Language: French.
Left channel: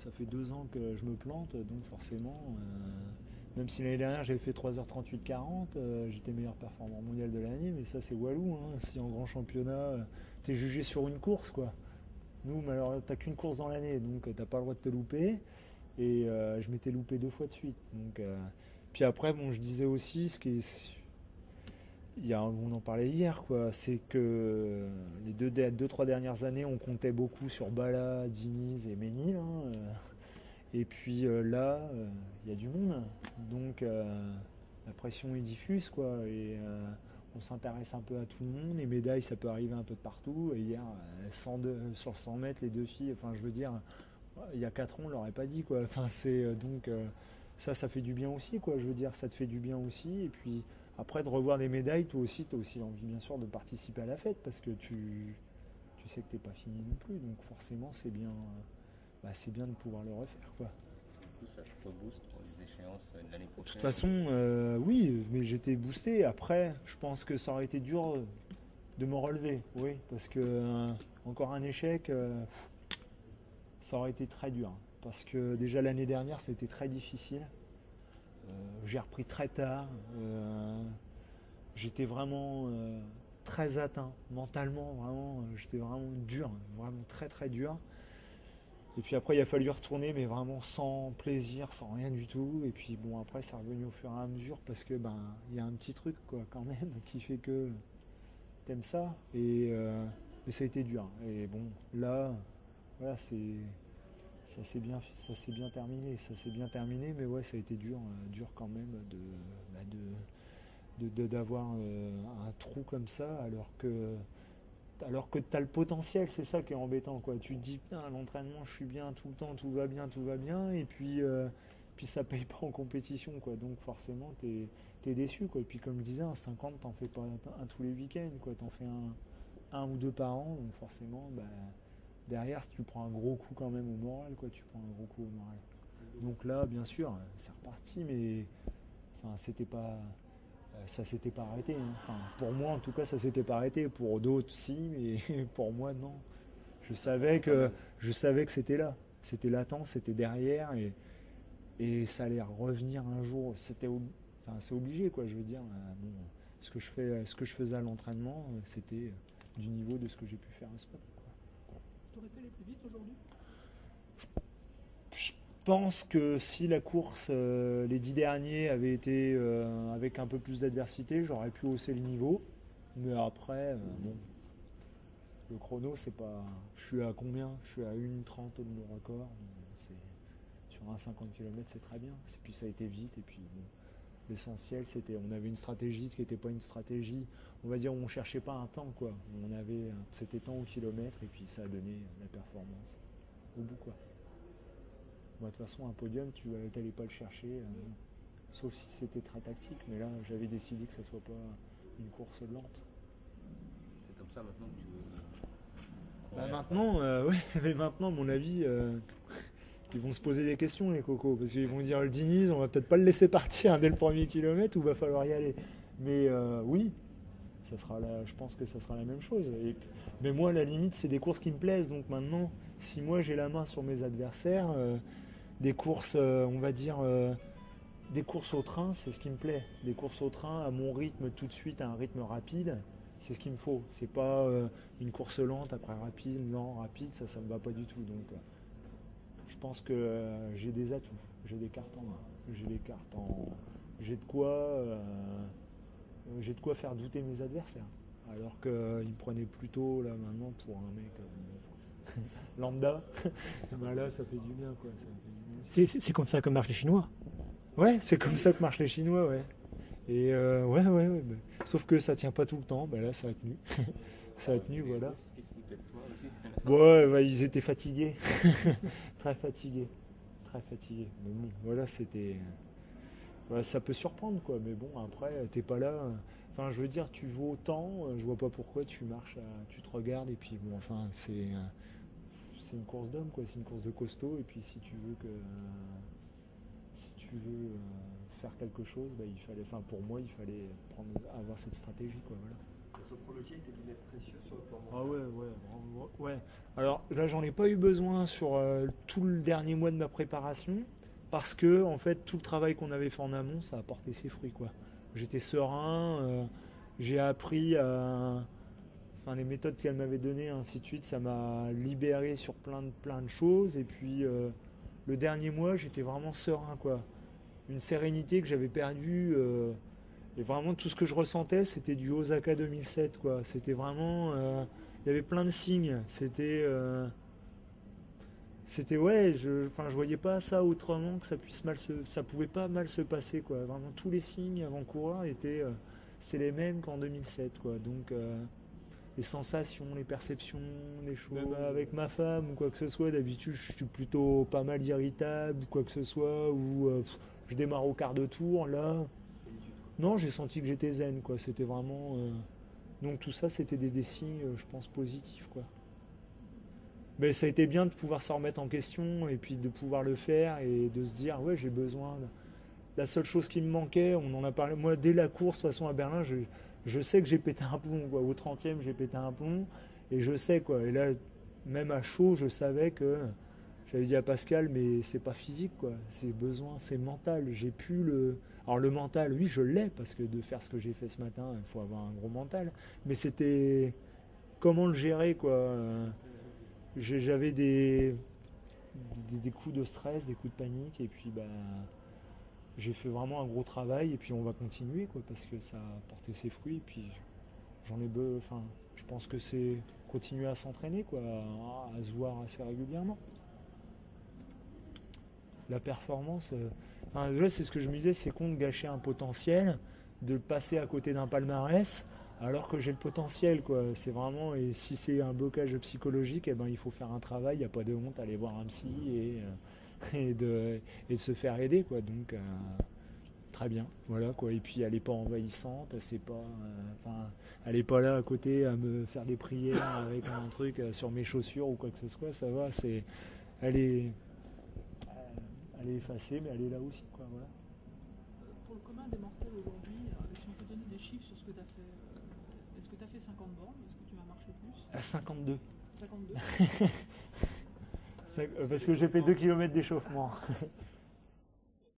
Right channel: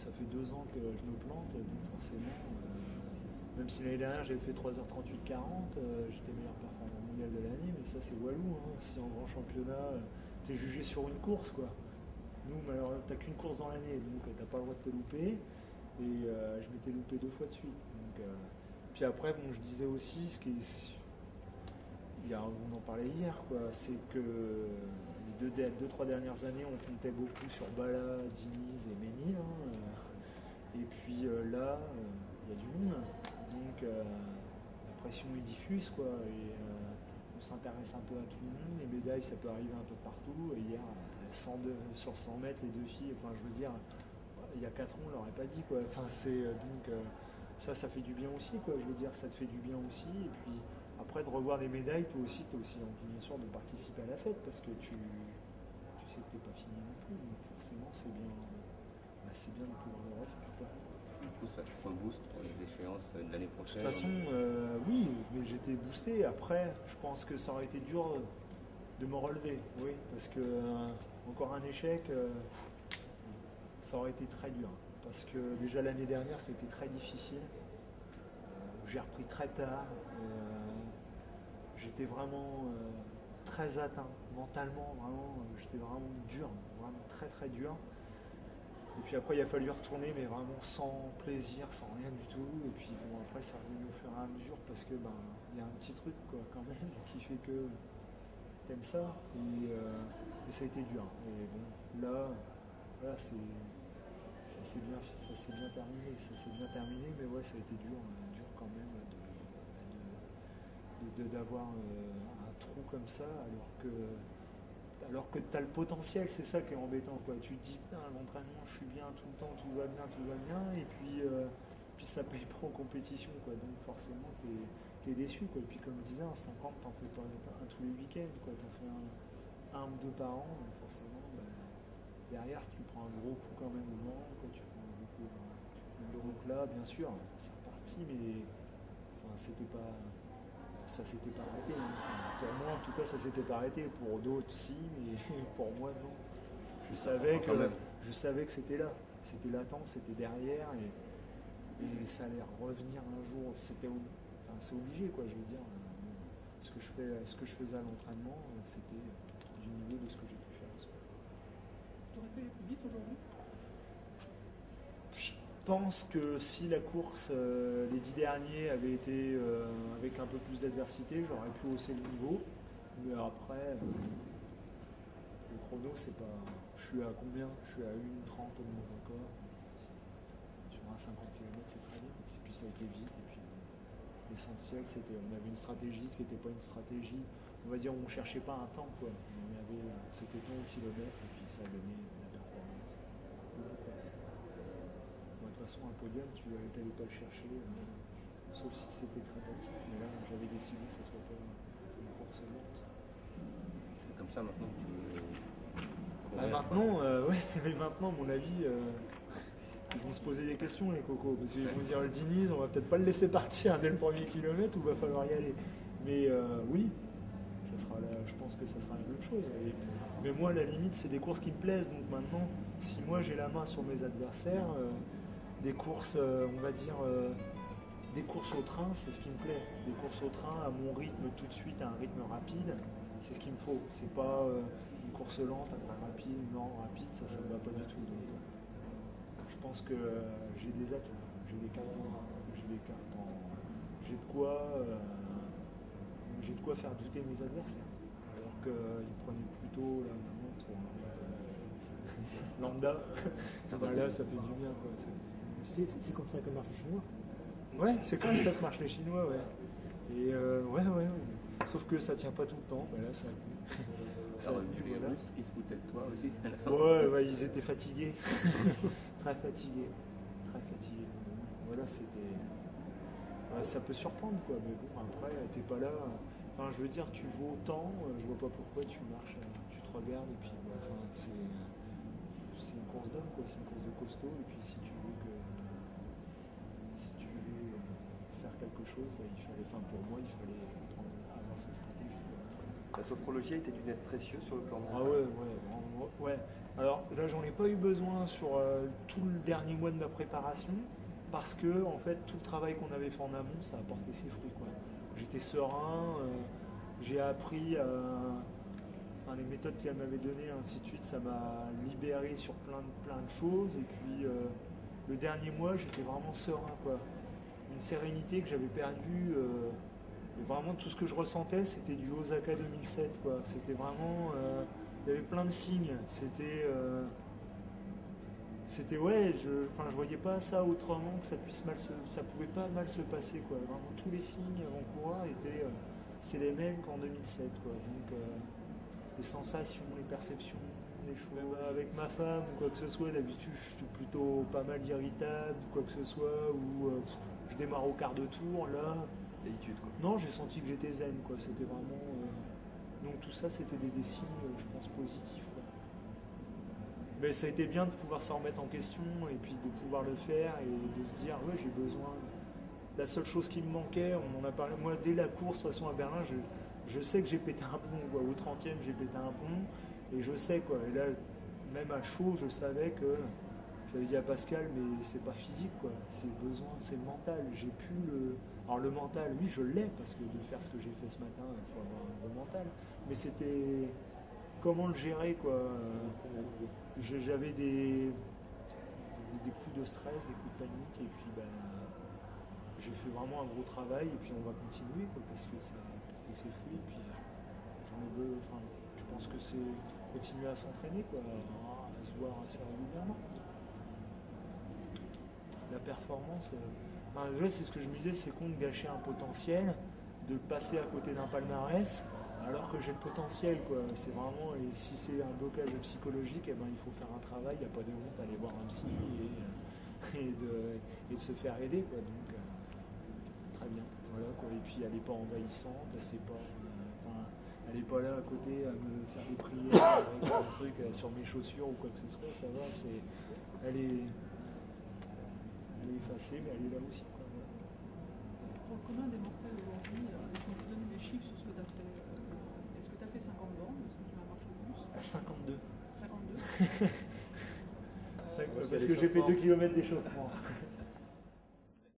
ça fait 2 ans que je me plante, donc forcément, même si l'année dernière j'avais fait 3h38-40, j'étais meilleur performant mondial de l'année, mais ça c'est Walou, hein. Si en grand championnat, t'es jugé sur une course, quoi. Nous, malheureusement, t'as qu'une course dans l'année, donc t'as pas le droit de te louper. Et je m'étais loupé 2 fois de suite. Donc, puis après, bon, je disais aussi, on en parlait hier, quoi, c'est que les 2-3 dernières années, on comptait beaucoup sur Bala, Diniz et Ménil. Hein, et puis là, il y a du monde. Donc la pression est diffuse, quoi. Et on s'intéresse un peu à tout le monde. Les médailles, ça peut arriver un peu de partout. Et hier, sur 100 mètres, les 2 filles, enfin, je veux dire, il y a 4 ans, on ne l'aurait pas dit, quoi. Enfin, donc ça fait du bien aussi, quoi. Je veux dire, ça te fait du bien aussi. Et puis après, de revoir des médailles, toi aussi, tu as aussi envie, bien sûr, de participer à la fête parce que tu sais que tu n'es pas fini non plus. Donc forcément, c'est bien de pouvoir le refaire, quoi. Du coup, ça te rebooste pour les échéances de l'année prochaine. De toute façon, oui, mais j'étais boosté. Après, je pense que ça aurait été dur de me relever, oui, parce que encore un échec, ça aurait été très dur. Parce que déjà l'année dernière, ça a été très difficile. J'ai repris très tard. J'étais vraiment très atteint mentalement, vraiment, j'étais vraiment dur, vraiment très très dur. Et puis après, il a fallu retourner, mais vraiment sans plaisir, sans rien du tout. Et puis bon, après, ça est revenu au fur et à mesure parce que il y a un petit truc, quoi, quand même, qui fait que t'aimes ça. Et ça a été dur. Et bon, là, voilà, ça s'est bien terminé, mais ouais, ça a été dur quand même d'avoir un trou comme ça, alors que tu as le potentiel. C'est ça qui est embêtant, quoi. Tu te dis, putain, à l'entraînement, je suis bien tout le temps, tout va bien, et puis ça paye pas en compétition, quoi. Donc forcément, tu es déçu, quoi. Et puis comme je disais, un 50, t'en fais pas un tous les week-ends, quoi. T'en fais un ou deux par an, donc forcément, derrière, si tu prends un gros coup quand même au moral, quoi, tu prends un gros coup au moral. Donc là, bien sûr, c'est reparti, mais enfin, ça s'était pas arrêté. Hein. Enfin, pour moi, en tout cas, ça s'était pas arrêté. Pour d'autres, si, mais pour moi, non. Je savais que c'était là. C'était latent, c'était derrière, et ça allait revenir un jour. C'est obligé, quoi, je veux dire. Bon, ce que je faisais à l'entraînement, c'était du niveau de ce que j'ai pu faire en sport. Tu aurais pu aller plus vite aujourd'hui ? Je pense que si la course, les 10 derniers, avaient été avec un peu plus d'adversité, j'aurais pu hausser le niveau. Mais après, le chrono, c'est pas. Je suis à combien? Je suis à 1:30 au nouveau record. Sur un 50 km, c'est très bien. Et puis ça a été vite. Et puis l'essentiel, on avait une stratégie qui n'était pas une stratégie. On va dire, on ne cherchait pas un temps, quoi. C'était temps au kilomètre, et puis ça a donné la performance. Quoi. De toute façon, un podium, tu n'allais pas le chercher, sauf si c'était très tactique. Mais là, j'avais décidé que ça ne soit pas une course lente. C'est comme ça maintenant que tu veux. Mais maintenant, à mon avis, ils vont se poser des questions, les cocos, parce qu'ils vont dire le Diniz, on va peut-être pas le laisser partir dès le premier kilomètre, ou va falloir y aller. Mais oui, je pense que ça sera la même chose. Mais moi, à la limite, c'est des courses qui me plaisent. Donc maintenant, si moi j'ai la main sur mes adversaires, des courses, on va dire, des courses au train, c'est ce qui me plaît. Des courses au train à mon rythme tout de suite, à un rythme rapide, c'est ce qu'il me faut. C'est pas une course lente après rapide, ça me va pas du tout. Donc je pense que j'ai des atouts, j'ai des cartes j'ai de quoi faire douter mes adversaires. Alors qu'ils me prenaient plutôt là maintenant pour un mec lambda. Là, ça fait du bien, quoi. C'est comme ça que marchent les Chinois. Ouais, c'est comme ça que marchent les Chinois, ouais. Et ouais. Sauf que ça tient pas tout le temps. Là, ça a tenu. Ça a tenu, voilà. Russes qui se foutaient de toi aussi. Ouais, ils étaient fatigués. Très fatigués. Bon, voilà, c'était. Ça peut surprendre, quoi. Mais bon, après, t'es pas là. Enfin, je veux dire, tu vaux autant. Je vois pas pourquoi tu marches. Tu te regardes et puis, enfin, c'est une course d'homme, quoi. C'est une course de costaud. Et puis, si tu veux faire quelque chose, pour moi, il fallait avoir cette stratégie, quoi. La sophrologie psychologie a été d'une aide précieuse sur le plan mental. Ah ouais. Alors là, j'en ai pas eu besoin sur tout le dernier mois de ma préparation parce que en fait, tout le travail qu'on avait fait en amont, ça a porté ses fruits, quoi. J'étais serein, j'ai appris enfin, les méthodes qu'elle m'avait données, ainsi de suite, ça m'a libéré sur plein de choses. Et puis le dernier mois, j'étais vraiment serein, quoi. Une sérénité que j'avais perdue. Et vraiment, tout ce que je ressentais, c'était du Osaka 2007, quoi. C'était vraiment... il y avait plein de signes. C'était ouais, je voyais pas ça autrement que ça pouvait pas mal se passer, quoi. Vraiment, tous les signes avant-coureurs étaient... c'est les mêmes qu'en 2007, quoi. Donc, les sensations, les perceptions, les choses avec ma femme ou quoi que ce soit, d'habitude, je suis plutôt pas mal irritable ou quoi que ce soit, ou je démarre au quart de tour, là... D'habitude, quoi. Non, j'ai senti que j'étais zen, quoi. C'était vraiment... Donc tout ça, c'était des signes, je pense, positifs, quoi. Mais ça a été bien de pouvoir se remettre en question et puis de pouvoir le faire et de se dire, ouais, j'ai besoin... La seule chose qui me manquait, on en a parlé... Moi, dès la course, de toute façon, à Berlin, je sais que j'ai pété un plomb, quoi. Au 30e, j'ai pété un plomb. Et je sais, quoi. Et là, même à chaud, je savais que... J'avais dit à Pascal, mais c'est pas physique, quoi. C'est besoin, c'est mental. J'ai plus le... Alors le mental, oui, je l'ai, parce que de faire ce que j'ai fait ce matin, il faut avoir un gros mental. Mais c'était comment le gérer, quoi. J'avais des coups de stress, des coups de panique, et puis bah, j'ai fait vraiment un gros travail, et puis on va continuer, quoi, parce que ça a porté ses fruits, et puis enfin, je pense que c'est continuer à s'entraîner, quoi, à se voir assez régulièrement. La performance... Enfin, là, c'est ce que je me disais, c'est con de gâcher un potentiel, de passer à côté d'un palmarès, alors que j'ai le potentiel, quoi. C'est vraiment, et si c'est un blocage psychologique, eh ben, il faut faire un travail, il n'y a pas de honte à aller voir un psy et de se faire aider, quoi. Donc, très bien, voilà, quoi. Et puis, elle n'est pas envahissante, c'est pas... enfin, elle n'est pas là à côté à me faire des prières avec un truc sur mes chaussures ou quoi que ce soit, ça va, elle est effacée, mais elle est là aussi, quoi, voilà. Pour le commun des mortels aujourd'hui, est-ce qu'on peut donner des chiffres sur ce que tu as fait Est-ce que tu as fait 50 bornes? Est-ce que tu vas marcher plus? À 52. 52. Parce que j'ai fait 2 km d'échauffement.